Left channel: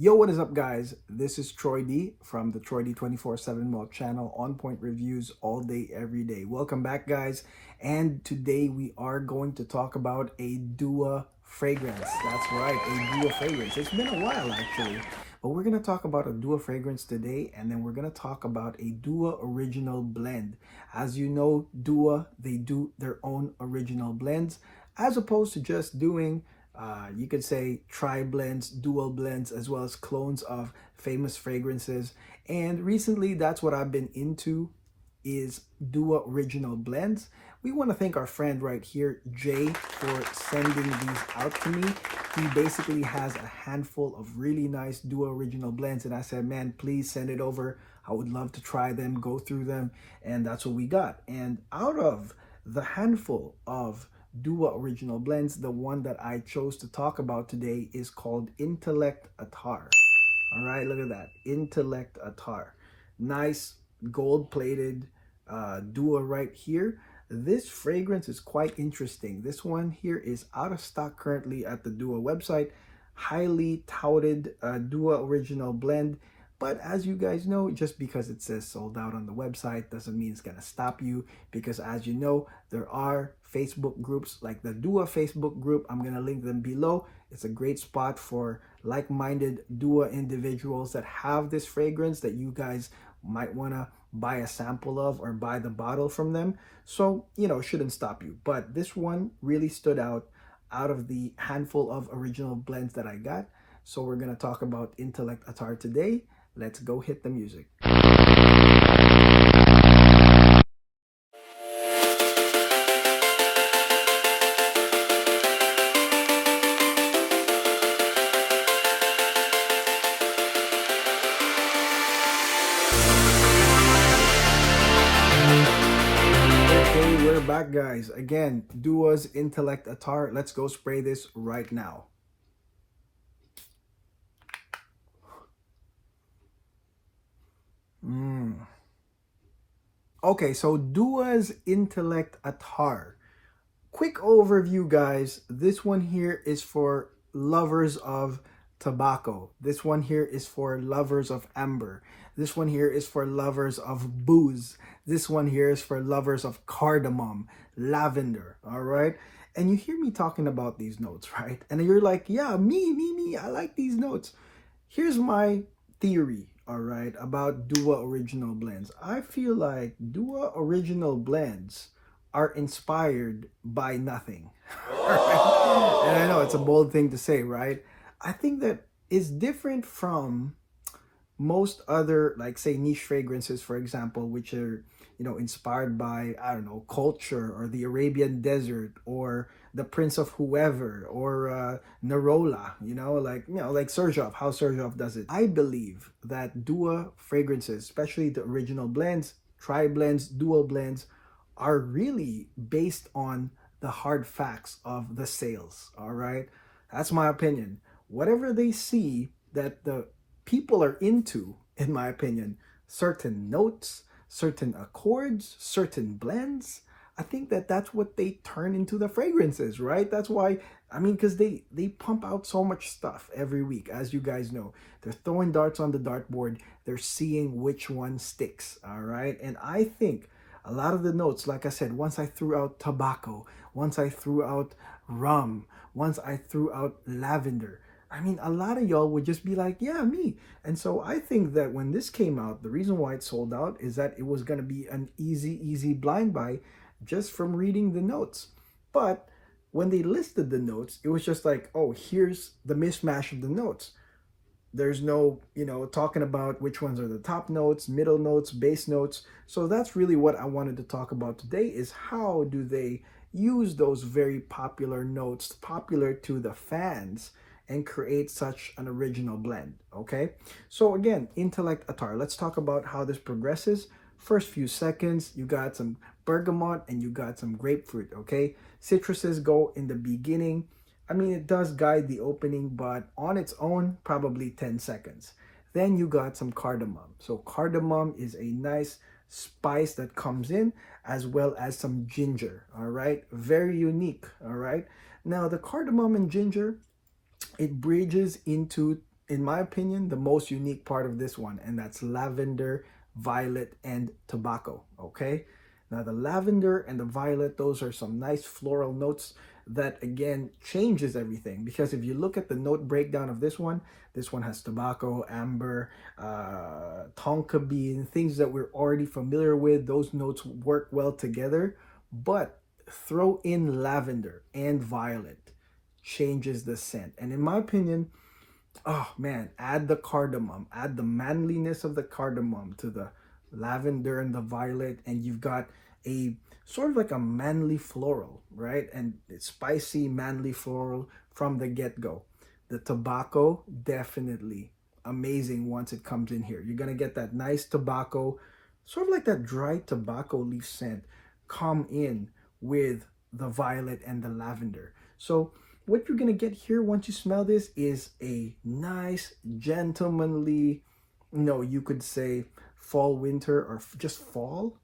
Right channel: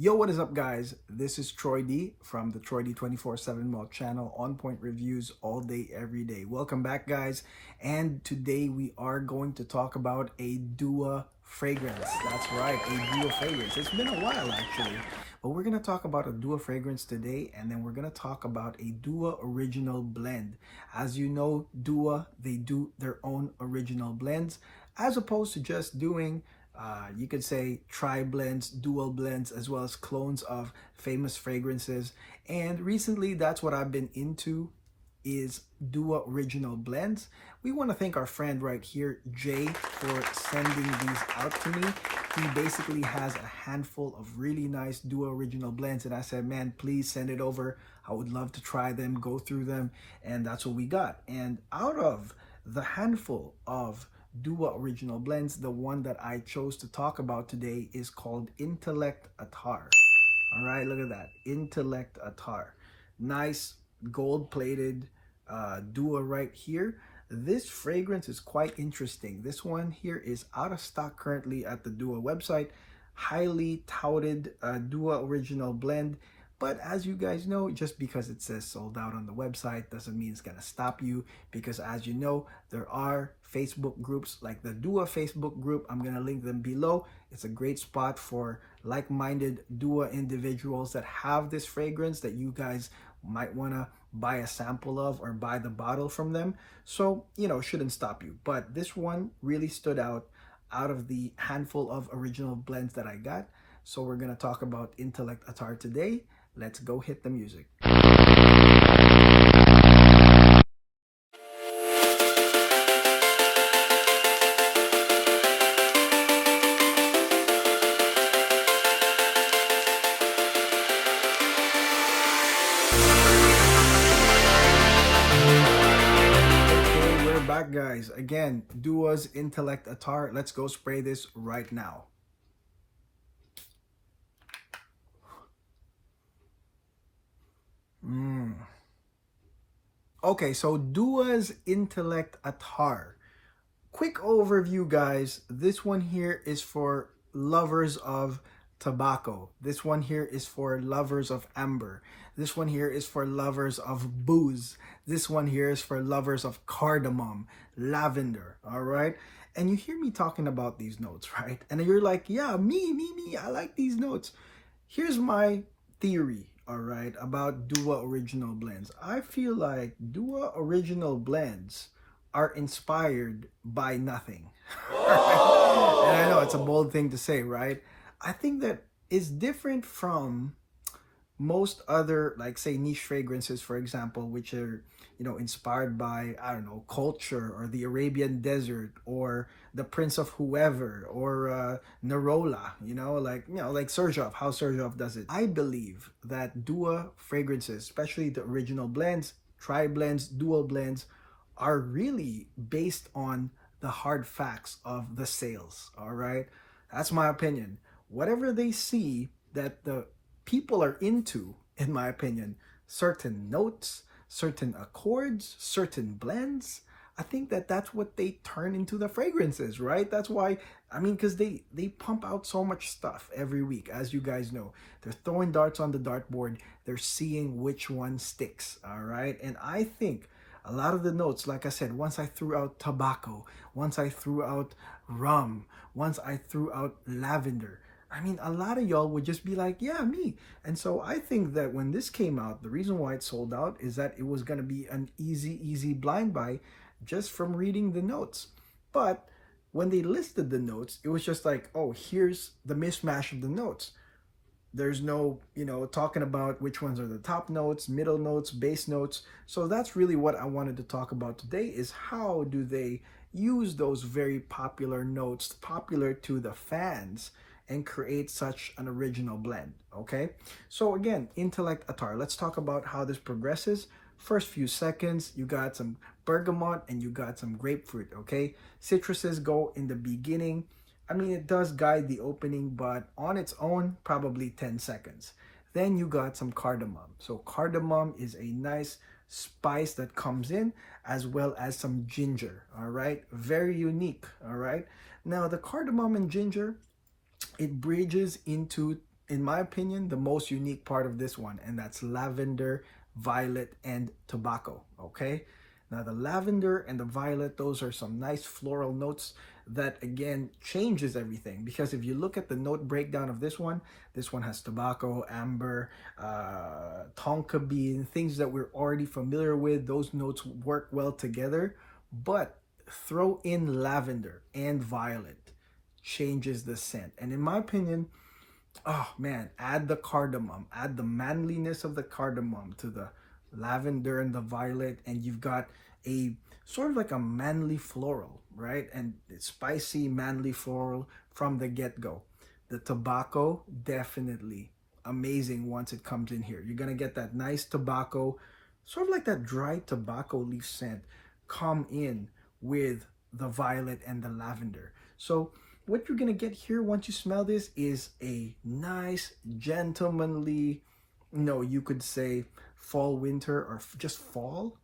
Yo, what is up, guys? This is Troy D from the Troy D 24/7 Malt channel, on point reviews all day, every day. Welcome back, guys. And today we are going to talk about a Dua fragrance. That's right, a Dua fragrance. It's been a while, actually, but we're going to talk about a Dua fragrance today, and then we're going to talk about a Dua original blend. As you know, Dua, they do their own original blends, as opposed to just doing you could say tri-blends, dual blends, as well as clones of famous fragrances. And recently, that's what I've been into, is Dua original blends. We want to thank our friend right here, Jay, for sending these out to me. He basically has a handful of really nice Dua original blends, and I said, man, please send it over. I would love to try them, go through them, and that's what we got. And out of the handful of Dua original blends, the one that I chose to talk about today is called Intellect Attar. All right, look at that, Intellect Attar. Nice gold plated Dua right here. This fragrance is quite interesting. This one here is out of stock currently at the Dua website. Highly touted Dua original blend. But as you guys know, just because it says sold out on the website doesn't mean it's going to stop you, because as you know, there are Facebook groups like the Dua Facebook group. I'm going to link them below. It's a great spot for like-minded Dua individuals that have this fragrance that you guys might want to buy a sample of or buy the bottle from them. So, shouldn't stop you. But this one really stood out of the handful of original blends that I got. So we're going to talk about Intellect Attar today. Let's go hit the music. Okay, we're back, guys. Again, Dua's Intellect Attar. Let's go spray this right now. Okay, so Dua's Intellect Attar. Quick overview, guys. This one here is for lovers of tobacco. This one here is for lovers of amber. This one here is for lovers of booze. This one here is for lovers of cardamom, lavender, all right? And you hear me talking about these notes, right? And you're like, yeah, me, I like these notes. Here's my theory, all right, about Dua original blends. I feel like Dua original blends are inspired by nothing. And I know it's a bold thing to say, right? I think that is different from most other, like, say, niche fragrances, for example, which are, inspired by, I don't know, culture or the Arabian desert or the Prince of Whoever or Narola, like Sergioff, how Sergioff does it. I believe that Dua fragrances, especially the original blends, tri-blends, dual blends, are really based on the hard facts of the sales, all right? That's my opinion. Whatever they see that the people are into, in my opinion, certain notes, certain accords, certain blends, I think that that's what they turn into the fragrances, right? That's why, because they pump out so much stuff every week, as you guys know. They're throwing darts on the dartboard. They're seeing which one sticks, all right? And I think a lot of the notes, like I said, once I threw out tobacco, once I threw out rum, once I threw out lavender, a lot of y'all would just be like, yeah, me. And so I think that when this came out, the reason why it sold out is that it was going to be an easy blind buy just from reading the notes. But when they listed the notes, it was just like, oh, here's the mismatch of the notes. There's no, talking about which ones are the top notes, middle notes, base notes. So that's really what I wanted to talk about today, is how do they use those very popular notes, popular to the fans, and create such an original blend, okay? So again, Intellect Attar. Let's talk about how this progresses. First few seconds, you got some bergamot and you got some grapefruit, okay? Citruses go in the beginning. It does guide the opening, but on its own, probably 10 seconds. Then you got some cardamom. So cardamom is a nice spice that comes in, as well as some ginger, all right? Very unique, all right? Now, the cardamom and ginger, it bridges into in my opinion, the most unique part of this one, and that's lavender, violet, and tobacco. Okay, now the lavender and the violet, those are some nice floral notes that again changes everything, because if you look at the note breakdown of this one has tobacco, amber, tonka bean, things that we're already familiar with. Those notes work well together, but throw in lavender and violet, changes the scent. And in my opinion, oh man, add the cardamom, add the manliness of the cardamom to the lavender and the violet, and you've got a sort of like a manly floral, right? And it's spicy, manly floral from the get-go. The tobacco, definitely amazing once it comes in here. You're gonna get that nice tobacco, sort of like that dry tobacco leaf scent, come in with the violet and the lavender. So what you're gonna get here once you smell this is a nice, gentlemanly, you could say fall, winter, or just fall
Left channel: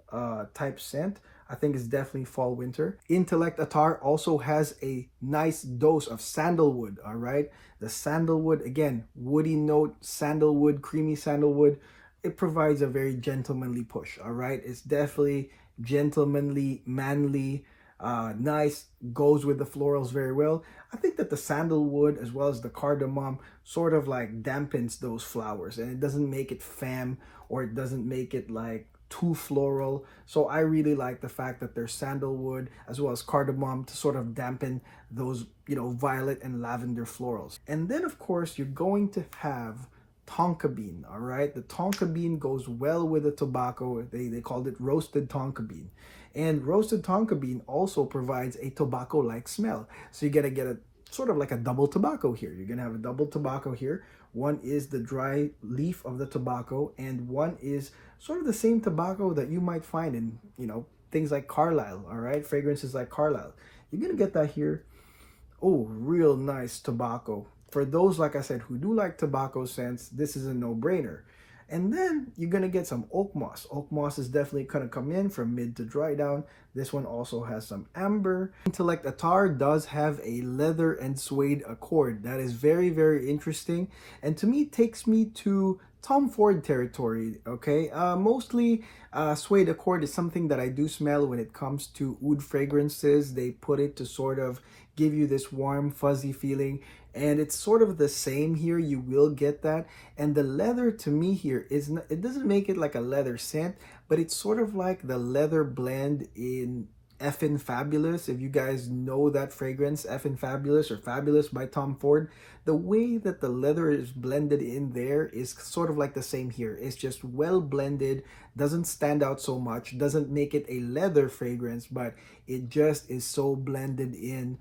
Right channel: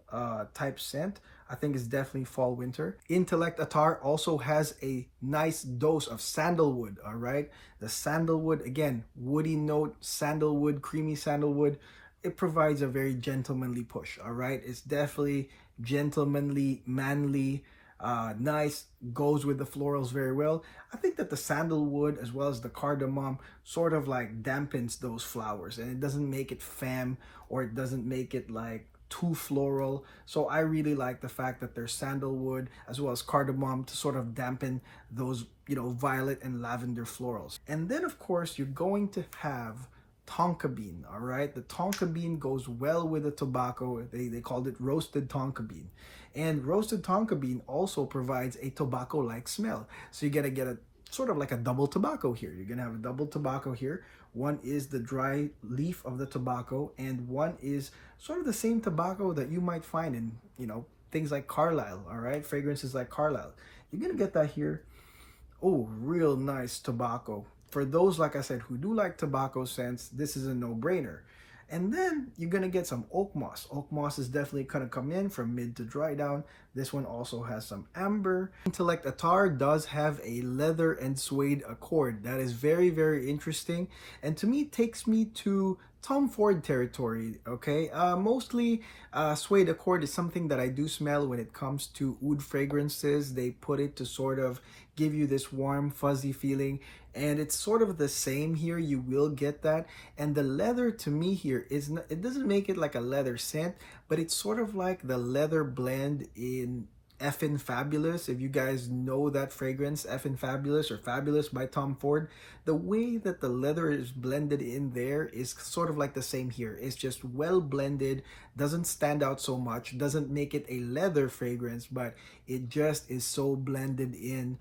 type scent. I think it's definitely fall, winter. Intellect Attar also has a nice dose of sandalwood, all right? The sandalwood, again, woody note, sandalwood, creamy sandalwood. It provides a very gentlemanly push, all right? It's definitely gentlemanly, manly, nice, goes with the florals very well. I think that the sandalwood as well as the cardamom sort of like dampens those flowers, and it doesn't make it femme, or it doesn't make it like too floral. So I really like the fact that there's sandalwood as well as cardamom to sort of dampen those, violet and lavender florals. And then of course you're going to have Tonka bean, all right? The Tonka bean goes well with the tobacco. They called it roasted Tonka bean. And roasted Tonka bean also provides a tobacco-like smell. So you're gonna get a sort of like a double tobacco here. You're gonna have a double tobacco here. One is the dry leaf of the tobacco, and one is sort of the same tobacco that you might find in, things like Carlisle, all right? Fragrances like Carlisle. You're gonna get that here. Oh, real nice tobacco. For those, like I said, who do like tobacco scents, this is a no-brainer. And then you're gonna get some oak moss. Oak moss is definitely gonna come in from mid to dry down. This one also has some amber. Intellect Attar does have a leather and suede accord. That is very, very interesting. And to me, takes me to Tom Ford territory, okay? Mostly Suede Accord is something that I do smell when it comes to oud fragrances. They put it to sort of give you this warm, fuzzy feeling. And it's sort of the same here. You will get that. And the leather to me here is not, it doesn't make it like a leather scent, but it's sort of like the leather blend in Effin' Fabulous. If you guys know that fragrance, Effin' Fabulous or Fabulous by Tom Ford, the way that the leather is blended in there is sort of like the same here. It's just well blended, doesn't stand out so much, doesn't make it a leather fragrance, but it just is so blended in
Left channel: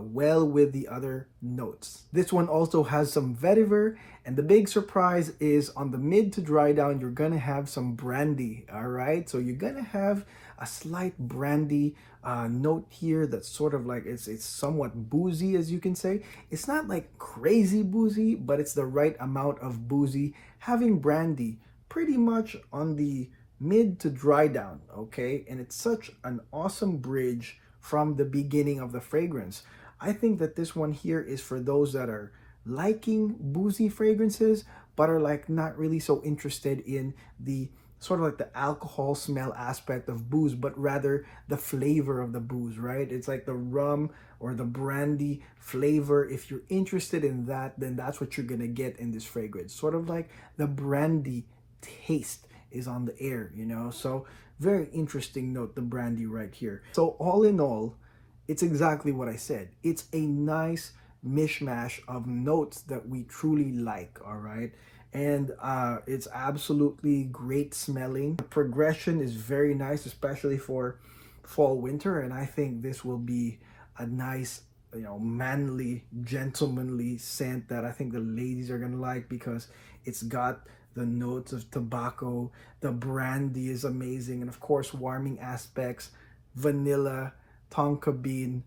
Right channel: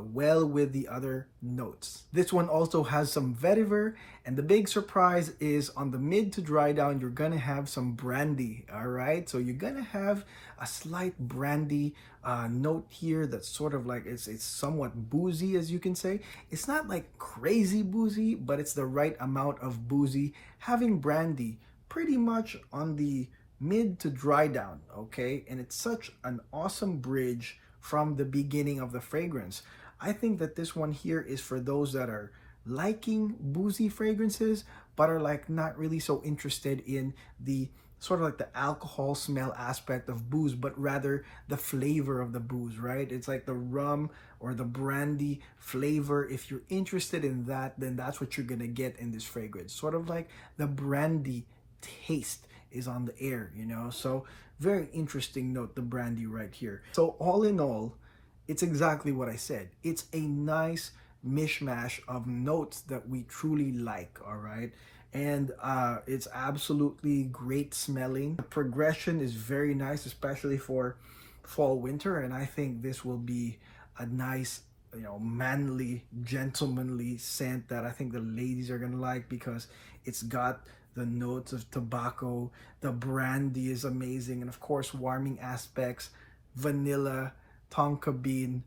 well with the other notes. This one also has some vetiver, and the big surprise is on the mid to dry down, you're gonna have some brandy, all right? So you're gonna have a slight brandy note here that's sort of like, it's somewhat boozy, as you can say. It's not like crazy boozy, but it's the right amount of boozy. Having brandy pretty much on the mid to dry down, okay? And it's such an awesome bridge from the beginning of the fragrance. I think that this one here is for those that are liking boozy fragrances, but are like not really so interested in the sort of like the alcohol smell aspect of booze, but rather the flavor of the booze, right? It's like the rum or the brandy flavor. If you're interested in that, then that's what you're gonna get in this fragrance. Sort of like the brandy taste is on the air, So very interesting note, the brandy right here. So all in all, it's exactly what I said. It's a nice mishmash of notes that we truly like, all right? And it's absolutely great smelling. The progression is very nice, especially for fall, winter, and I think this will be a nice, manly, gentlemanly scent that I think the ladies are gonna like, because it's got the notes of tobacco, the brandy is amazing, and of course warming aspects, vanilla, tonka bean.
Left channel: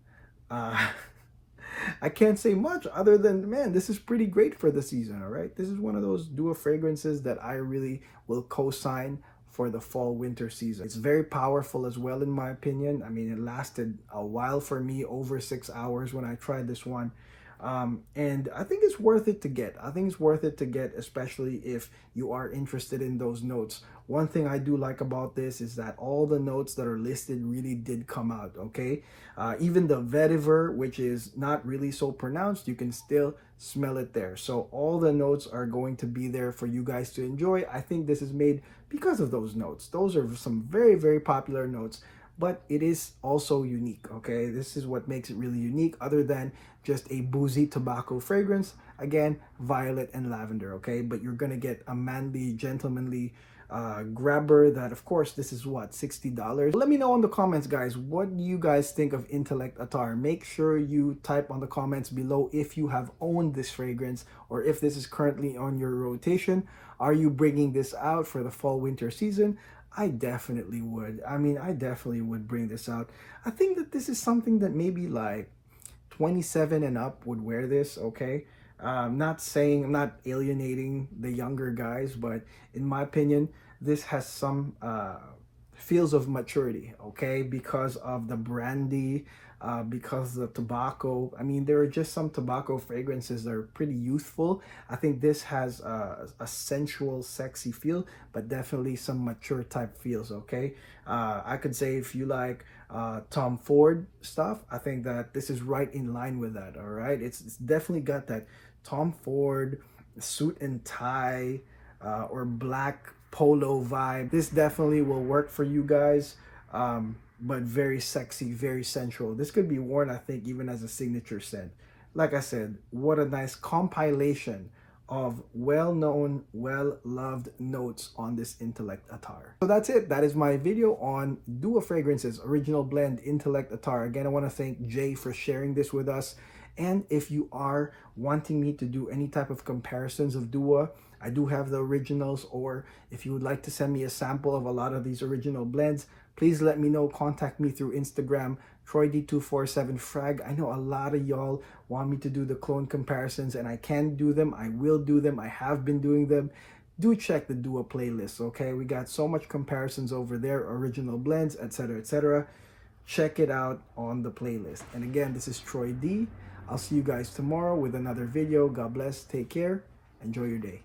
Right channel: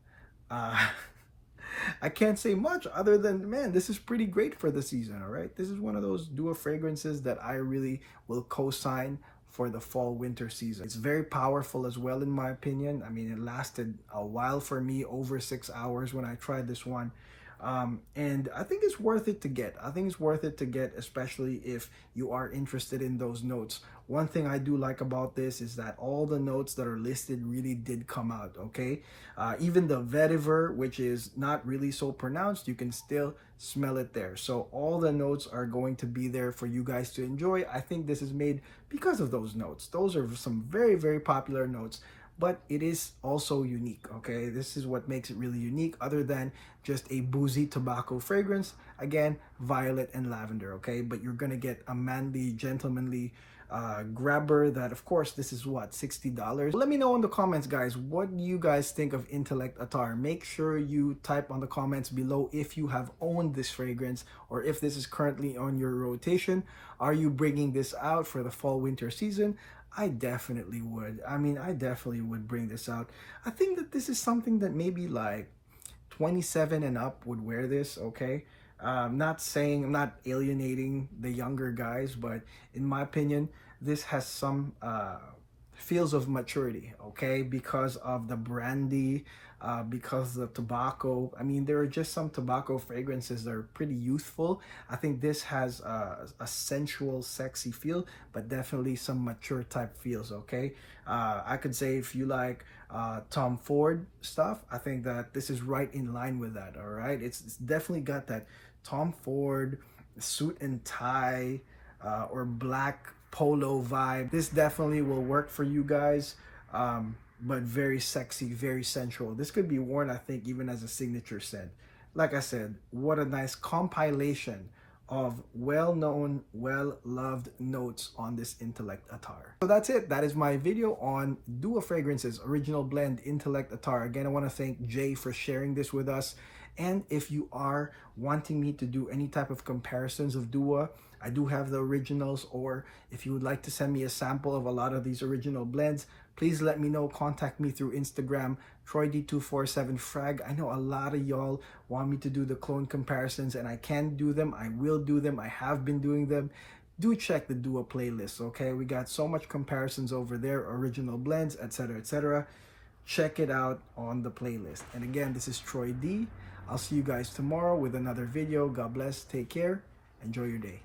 I can't say much other than, man, this is pretty great for the season, all right? This is one of those duo fragrances that I really will co-sign for the fall winter season. It's very powerful as well, in my opinion. I mean, it lasted a while for me, over 6 hours when I tried this one. And I think it's worth it to get. I think it's worth it to get, especially if you are interested in those notes. One thing I do like about this is that all the notes that are listed really did come out, okay? Even the vetiver, which is not really so pronounced, you can still smell it there. So all the notes are going to be there for you guys to enjoy. I think this is made because of those notes. Those are some very, very popular notes, but it is also unique, okay? This is what makes it really unique, other than just a boozy tobacco fragrance. Again, violet and lavender, okay? But you're gonna get a manly, gentlemanly grabber that, of course, this is what, $60. Let me know in the comments, guys, what do you guys think of Intellect Attar? Make sure you type on the comments below if you have owned this fragrance or if this is currently on your rotation. Are you bringing this out for the fall winter season? I definitely would. I mean, I definitely would bring this out. I think that this is something that maybe like 27 and up would wear this, okay? I'm not alienating the younger guys, but in my opinion, this has some feels of maturity, okay? Because of the brandy, because of the tobacco. I mean, there are just some tobacco fragrances that are pretty youthful. I think this has a sensual, sexy feel, but definitely some mature type feels, okay? I could say if you like Tom Ford stuff, I think that this is right in line with that, all right? It's definitely got that Tom Ford suit and tie or black polo vibe. This definitely will work for you guys, but very sexy, very sensual. This could be worn, I think, even as a signature scent. Like I said, what a nice compilation of well-known, well-loved notes on this Intellect Attar. So that's it. That is my video on Dua Fragrances Original Blend Intellect Attar. Again, I want to thank Jay for sharing this with us. And if you are wanting me to do any type of comparisons of Dua, I do have the originals, or if you would like to send me a sample of a lot of these original blends, please let me know. Contact me through Instagram, TroyD247Frag. I know a lot of y'all want me to do the clone comparisons, and I can do them. I will do them. I have been doing them. Do check the Dua playlist, okay? We got so much comparisons over there, original blends, etc., etc. Check it out on the playlist. And again, this is Troy D. I'll see you guys tomorrow with another video. God bless. Take care. Enjoy your day.